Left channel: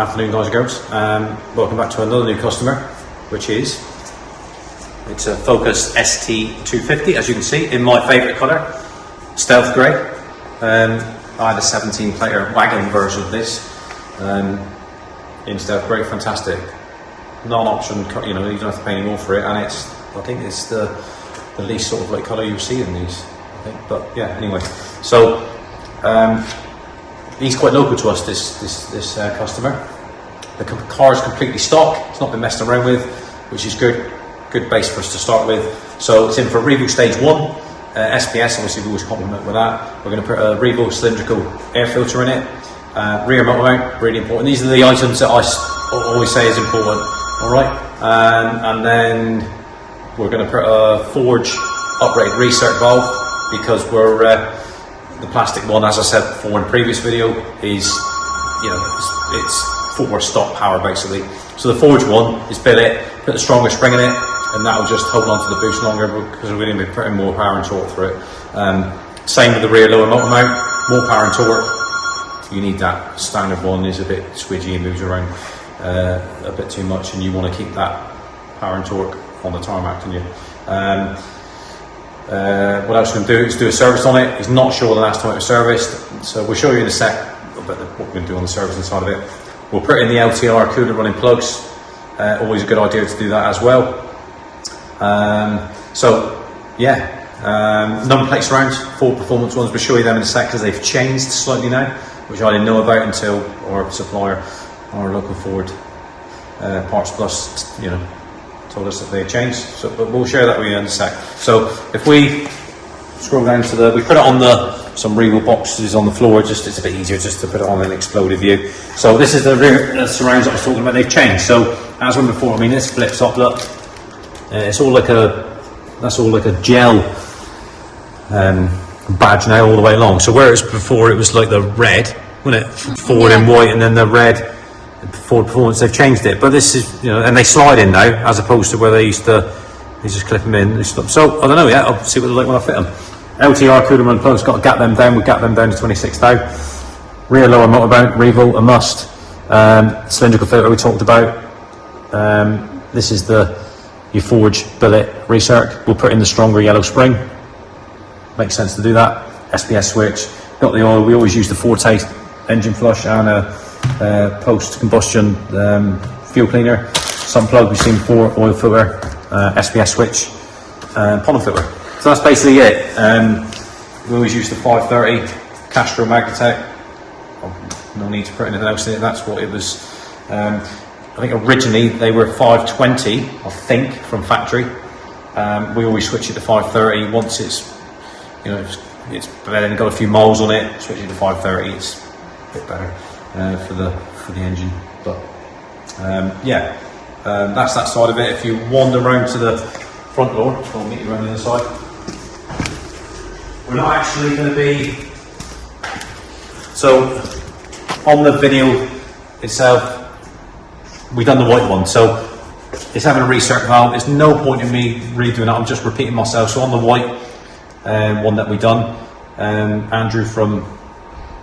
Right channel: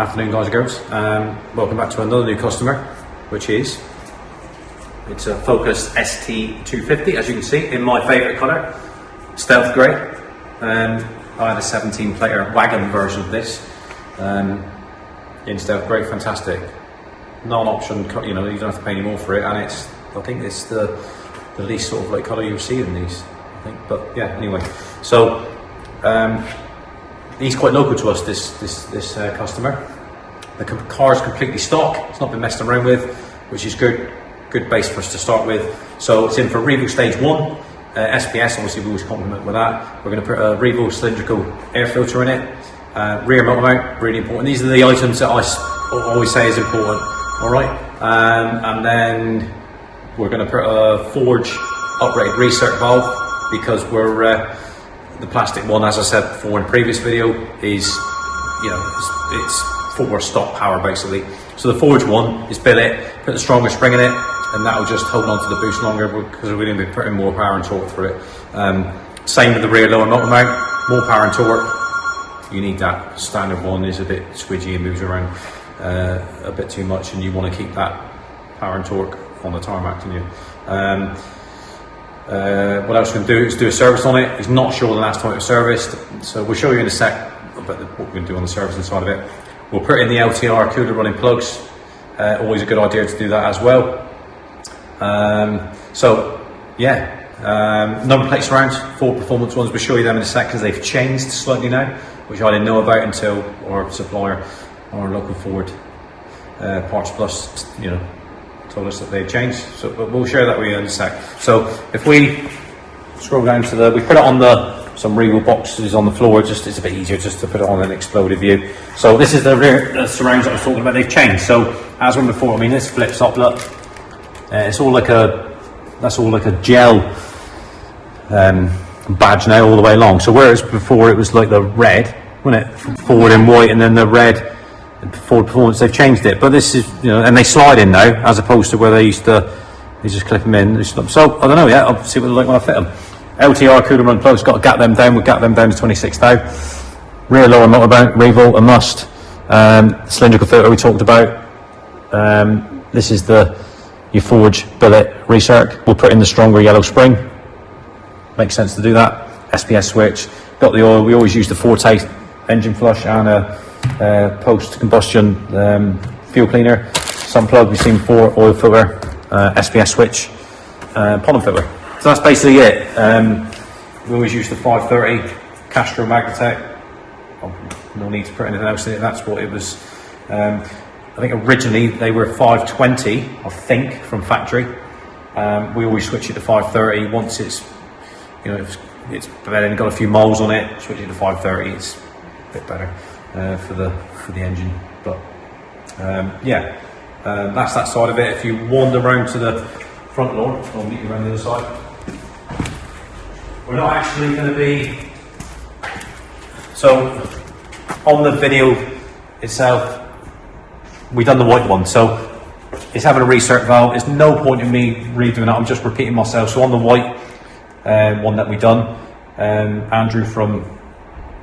Afternoon, guys and girls. Welcome back to another new customer, which is it's a Focus ST250, as you can see, in my favourite colour, stealth grey. I had a 17-plater wagon version of this in stealth grey, fantastic. Non-option, you know, you don't have to pay any more for it, and I think it's the least sort of like colour you'll see in these, I think. But yeah, anyway, so he's quite local to us, this customer. The car is completely stock, it's not been messed around with, which is good base for us to start with. So it's in for Revo stage 1, SPS, obviously we always compliment with that. We're going to put a Revo cylindrical air filter in it, rear motor mount, really important. These are the items that I always say is important, alright? And then we're going to put a Forge uprated recirc valve, because the plastic one, as I said before in a previous video, is, you know, it's for stock power basically. So the Forge one is billet, put the stronger spring in it, and that will just hold on to the boost longer because we're going to be putting more power and torque through it. Same with the rear lower motor mount, more power and torque. You need that. Standard one is a bit squidgy and moves around a bit too much, and you want to keep that power and torque on the tarmac, don't you? What else we're going to do is do a service on it. He's not sure the last time it was serviced, so we'll show you in a sec about what we're going to do on the servicing side of it. We'll put in the LTR cooler running plugs, always a good idea to do that as well. So yeah, number plate surrounds, Ford Performance ones, we'll show you them in a sec because they've changed slightly now, which I didn't know about until our supplier, our local Ford Parts Plus, you know, told us that they've changed. So, but we'll share that with you in a sec. So if we scroll down to we put it on some Revo boxes on the floor, just it's a bit easier just to put it on an exploded view. So this is the rear surrounds that I was talking about. They've changed. So as when before, I mean, this flips up. Look, it's all like that's all like a gel badge now all the way along. So whereas before it was like the red, wasn't it? Forward and white, and then the red. Ford Performance, they've changed it, but this is, you know, and they slide in now as opposed to where they used to, you just clip them in. So I don't know yet. I'll see what they look when I fit them. LTR cooler run plugs, got to gap them down. We gap them down to 26 now. Rear lower motor mount, Revo, a must. Cylindrical filter we talked about. This is your Forge billet recirc. We'll put in the stronger yellow spring. Makes sense to do that. SPS switch. Got the oil. We always use the Forte engine flush and a post-combustion fuel cleaner. Sun plug you've seen before, oil filter, SPS switch, pollen filter. So that's basically it. We always use the 530 Castro Magnatec. No need to put anything else in it. That's what it was. I think originally they were 520, I think, from factory. We always switch it to 530 once it's, you know, it's then got a few miles on it. Switch it to 530. It's a bit better for the engine. But yeah, that's that side of it. If you wander around to the front door, just want to meet you around the other side. We're not actually going to be, so on the video itself, we've done the white one, so it's having a recirc valve. There's no point in me redoing that, I'm just repeating myself. So on the white one that we done, Andrew from,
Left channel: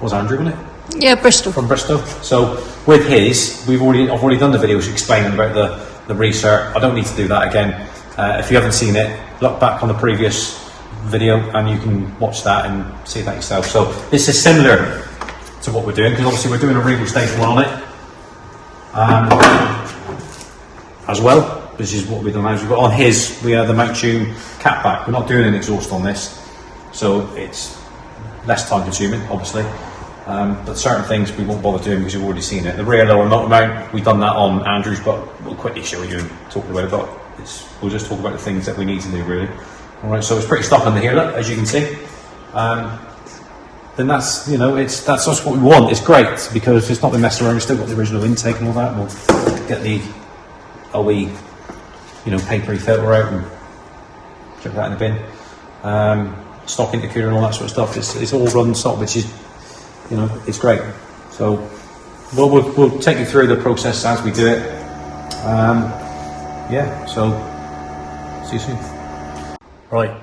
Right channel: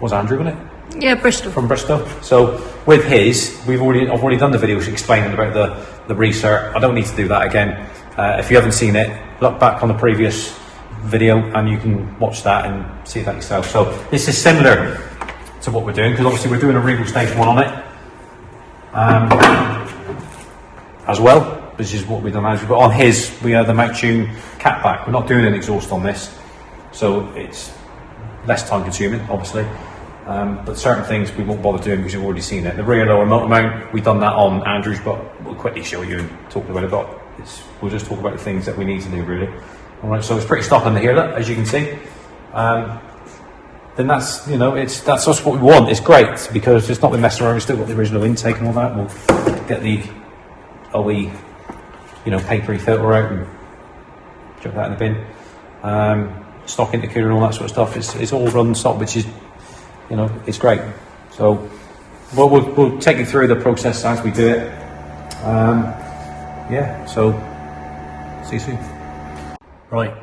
was Andrew in it? Yeah, Bristol. From Bristol. So with his, I've already done the videos explaining about the recirc. I don't need to do that again. If you haven't seen it, look back on the previous video and you can watch that and see that yourself. So this is similar to what we're doing, because obviously we're doing a Revo stage 1 on it as well. This is what we've done. We've got on his, we have the mount tune cat back. We're not doing an exhaust on this, so it's less time consuming, obviously. But certain things we won't bother doing because you've already seen it. The rear lower motor mount, we've done that on Andrew's, but we'll quickly show you and talk about it. But we'll just talk about the things that we need to do, really. All right, so it's pretty stock under here, look, as you can see. Then that's, you know, that's just what we want. It's great because it's not been messing around. We've still got the original intake and all that. We'll get the OE, you know, papery filter out and chuck that in the bin. Stock intercooler and all that sort of stuff. It's all run stock, which is, you know, it's great. So we'll take you through the process as we do it. Yeah, so see you soon. Right,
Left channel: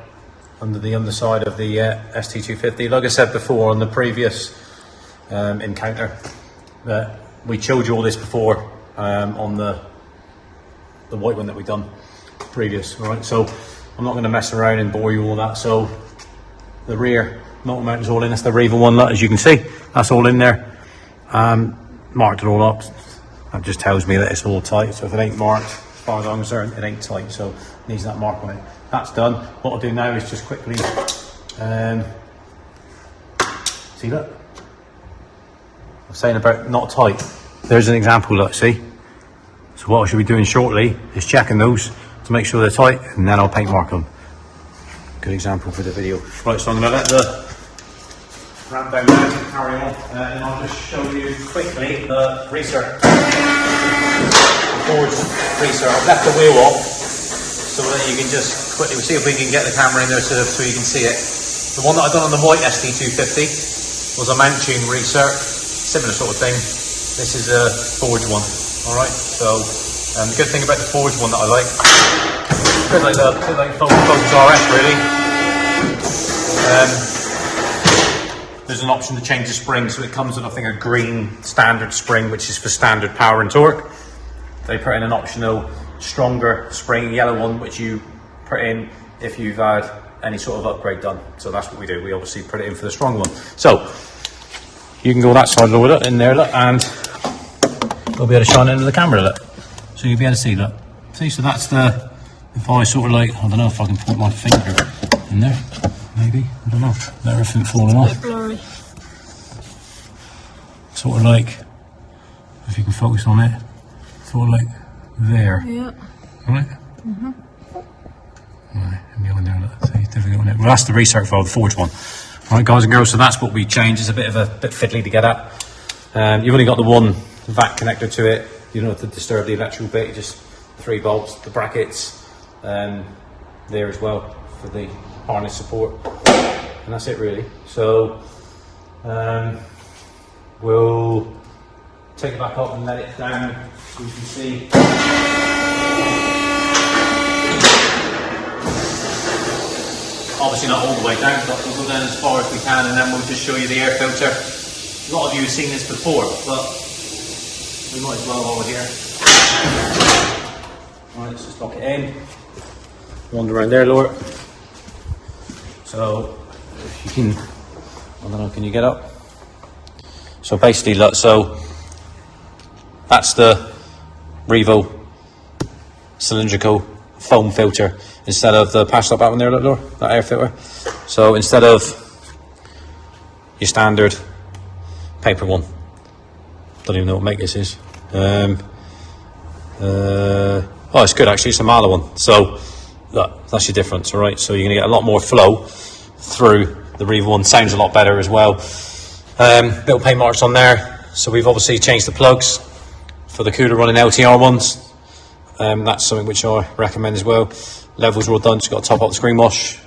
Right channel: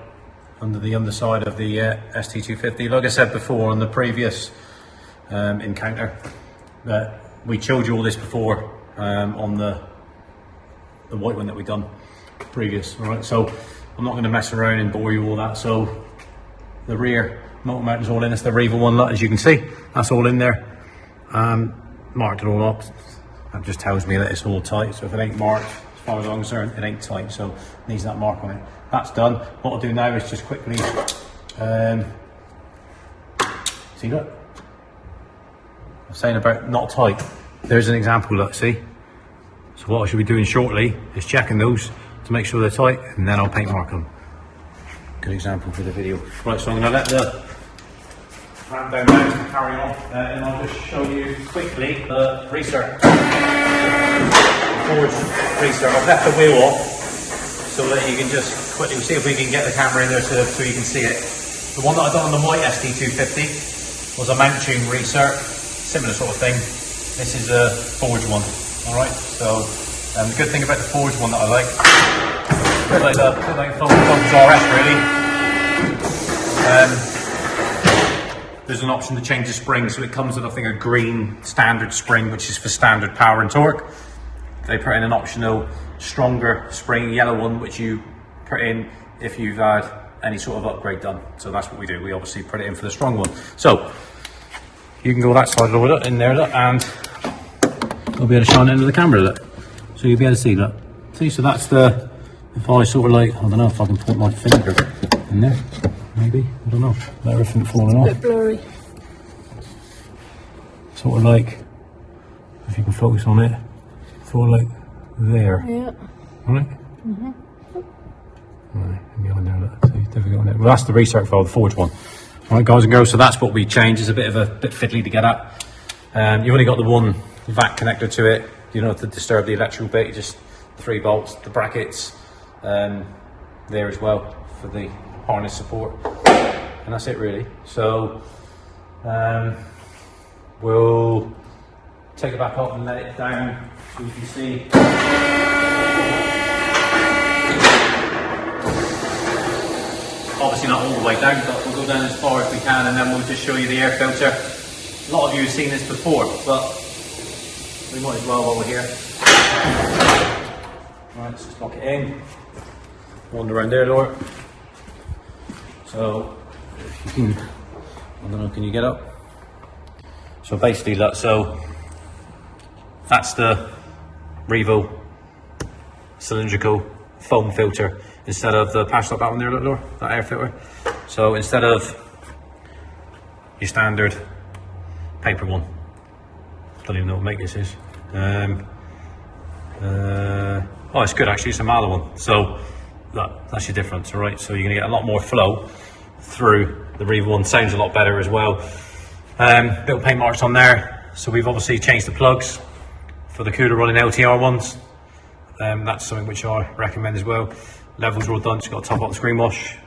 under the underside of the ST250. Like I said before on the previous encounter, that we showed you all this before on the white one that we've done previous. All right, so I'm not going to mess around and bore you all that. So the rear motor mount is all in. That's the Revo one, as you can see. That's all in there. Marked it all up. That just tells me that it's all tight. So if it ain't marked, as far as I'm concerned, it ain't tight. So it needs that mark on it. That's done. What I'll do now is just quickly see, look. I'm saying about not tight. There's an example, look, see? So what I should be doing shortly is checking those to make sure they're tight, and then I'll paint mark them. Good example for the video. Right, so I'm going to let the ramp down now to carry on, and I'll just show you quickly the greaser. The forward greaser. I've left the wheel off so that you can just quickly see if we can get the camera in there so you can see it. The one that I've done on the white ST250 was a mount tune greaser. Similar sort of thing. This is a forged one. Alright, so the good thing about the forged one that I like, a bit like Focus RS really, there's an option to change the spring, so it comes with I think a green standard spring which is for standard power and torque. They put in an optional stronger spring, yellow one, which you put in if you've had any sort of upgrade done. So that's what we do, we obviously put it in for the strong one. So you can go that side over it in there, look, and I'll be able to shine into the camera, look. So you'll be able to see, look. See, so that's the, if I sort of like, I don't know if I can put my finger in there, maybe, I don't know, everything falling off. A bit blurry. Sort of like, if you can focus on it, sort of like there. Yeah. Right? Mm-hmm. Right, and the other there, look, see, difficult, isn't it? Well, that's the research file, the forged one. Alright guys and girls, so that's what we changed. It's a bit fiddly to get at. You've only got the one vac connector to it. You don't have to disturb the electrical bit, you just 3 bolts, the brackets there as well for the harness support. And that's it really. So we'll take it back up and let it down so you can see. Obviously not all the way down, but we'll go down as far as we can and then we'll just show you the air filter. A lot of you have seen this before, but we might as well while we're here. Right, let's just lock it in. Round around there, Laura. So, if you can, I don't know, can you get up? So basically, look, so that's the Revo cylindrical foam filter instead of the patch top out there, look, Laura, that air filter. So instead of your standard paper one, don't even know what make this is. Oh, it's good actually, it's a Mala one. So look, that's your difference, all right? So you're gonna get a lot more flow through the Revo one. Sounds a lot better as well. Little paint marks on there. So we've obviously changed the plugs for the cooler running LTR ones. That's something which I recommend as well. Levels are all done, just got to top up the screen wash.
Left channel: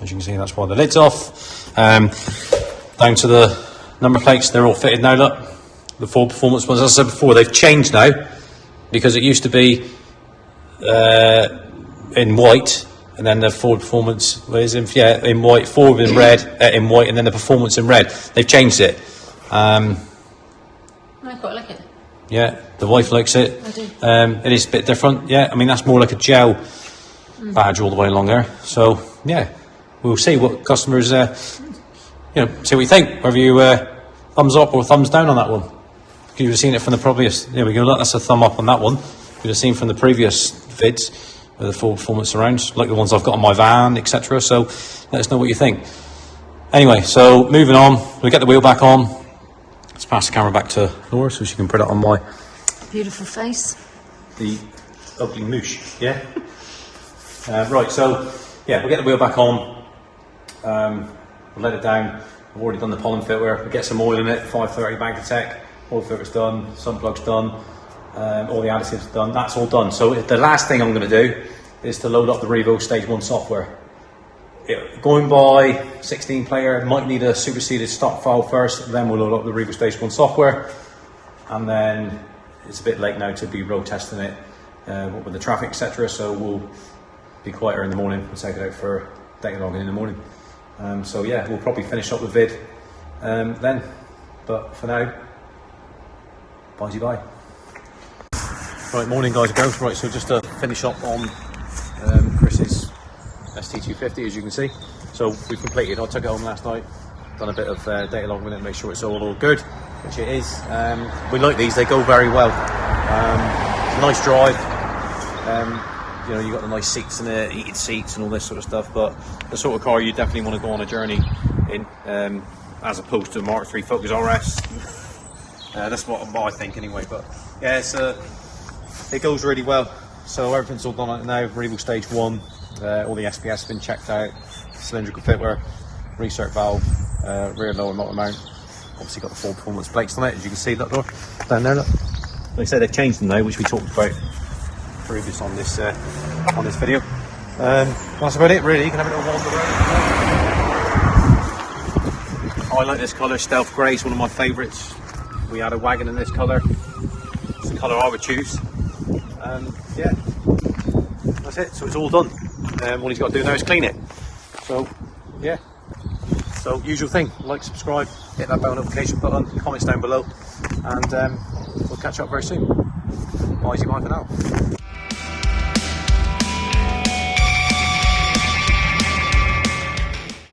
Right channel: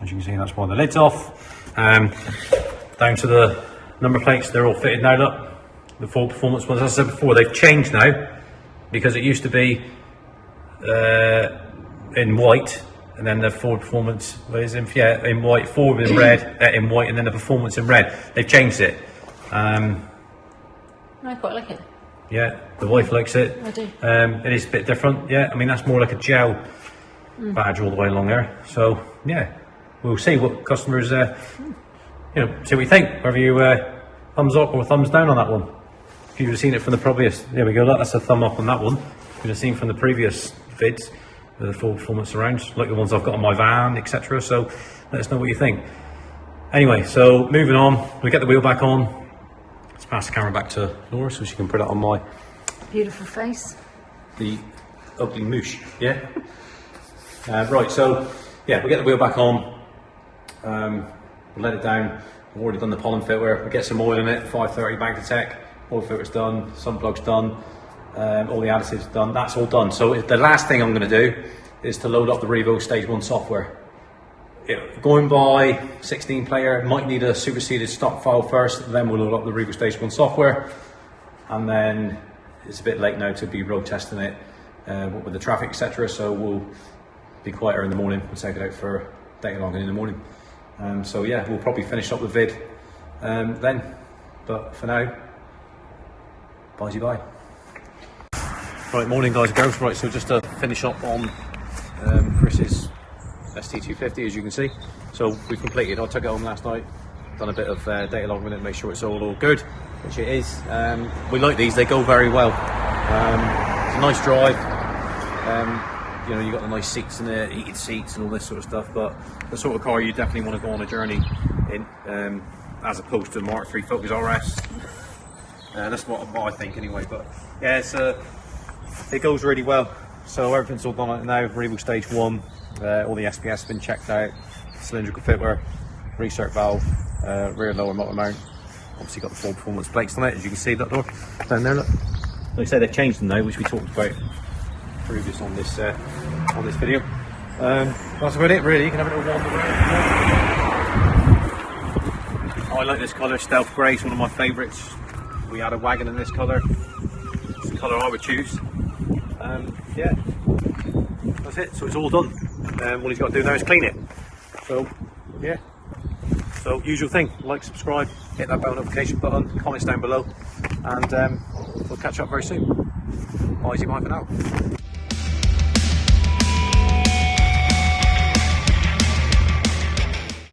As you can see, that's why the lid's off. Down to the number plates, they're all fitted now, look. The full performance ones, as I said before, they've changed now because it used to be in white, and then the Ford performance was in white, Ford in red, in white, and then the performance in red. They've changed it. I quite like it. Yeah, the wife likes it. I do. It is a bit different. Yeah, I mean that's more like a gel badge all the way along there. So yeah, we'll see what customers, see what you think. Whether you thumbs up or thumbs down on that one. You've have seen it from the previous. There we go. Look, that's a thumb up on that one. You'd have seen from the previous vids with the full performance surrounds, like the ones I've got on my van, etc. So let us know what you think. Anyway, so moving on, we get the wheel back on. Let's pass the camera back to Laura so she can put it on my beautiful face. The ugly moosh, yeah. Right, so yeah, we'll get the wheel back on. We'll let it down. I've already done the pollen filter. We'll get some oil in it. 530 Bank Tech. Oil filter's done. Sun plug's done. All the additives done. That's all done. So the last thing I'm going to do is to load up the Revo Stage 1 software. Going by 16 player, might need a superseded stock file first, then we'll load up the Revo Stage 1 software, and then it's a bit late now to be road testing it with the traffic, etc. So we'll be quieter in the morning and take it out for taking along in the morning. So yeah, we'll probably finish up the vid then, but for now, Bye bye. Right, morning guys and girls. Right, so just to finish up on Chris's ST250, as you can see. So we completed. I took it home last night, done a bit of data logging with it, make sure it's all good, which it is. We like these, they go very well. Nice drive. You know, you got the nice seats in it, heated seats and all this sort of stuff, but the sort of car you definitely want to go on a journey in, as opposed to the Mark III Focus RS. That's what I think anyway, but yeah, it goes really well. So everything's all done on it now. Revo stage 1, all the SPS has been checked out, cylindrical fitware, recirc valve, rear lower motor mount. Obviously got the full performance plates on it, as you can see that door down there. Look. They say they've changed them now, which we talked about previous on this video. That's about it really. You can have it all on the road. I like this colour, stealth grey, it's one of my favourites. We had a wagon in this colour. It's the colour I would choose. Yeah, that's it. So it's all done. All he's got to do now is clean it. So yeah. So usual thing, like, subscribe, hit that bell notification button, comments down below, and we'll catch up very soon. Bye for now.